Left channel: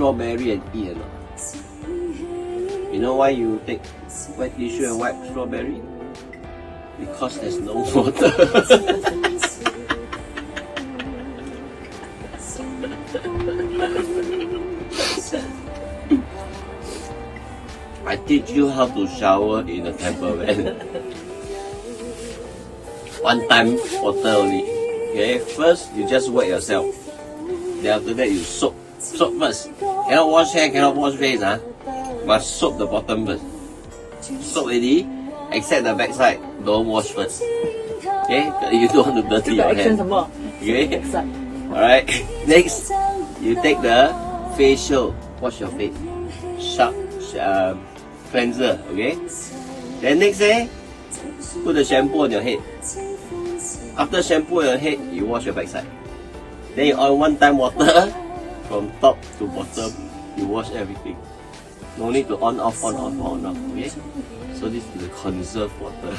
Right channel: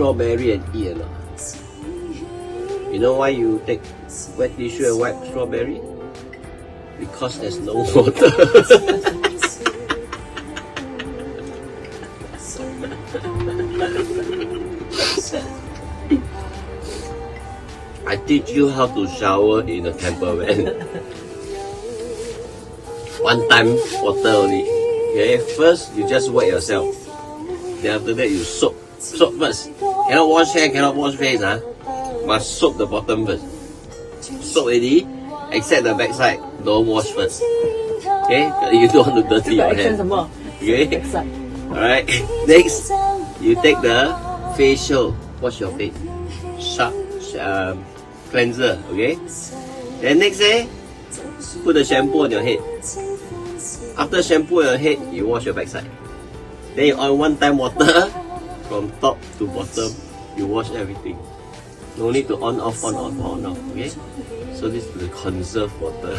strawberry and eat or not? You know why you take wet tissue and wipe strawberry? Because there's no water. I teach you how to shower in a campervan. One time water only. Okay, first you just wet yourself. Then after that you soap. Soap first. Cannot wash hair, cannot wash face. Must soap the bottom first. Soap already, except the backside. Don't wash first. Okay, you don't want to dirty your hair. Okay. Alright. Next, you take the facial. Wash your face. Cleanser. Okay. Then next day, put the shampoo on your head. After shampoo on your head, you wash your backside. Then you on one time water from top to bottom. You wash everything. No need to on off. Okay. So this is the conserve water.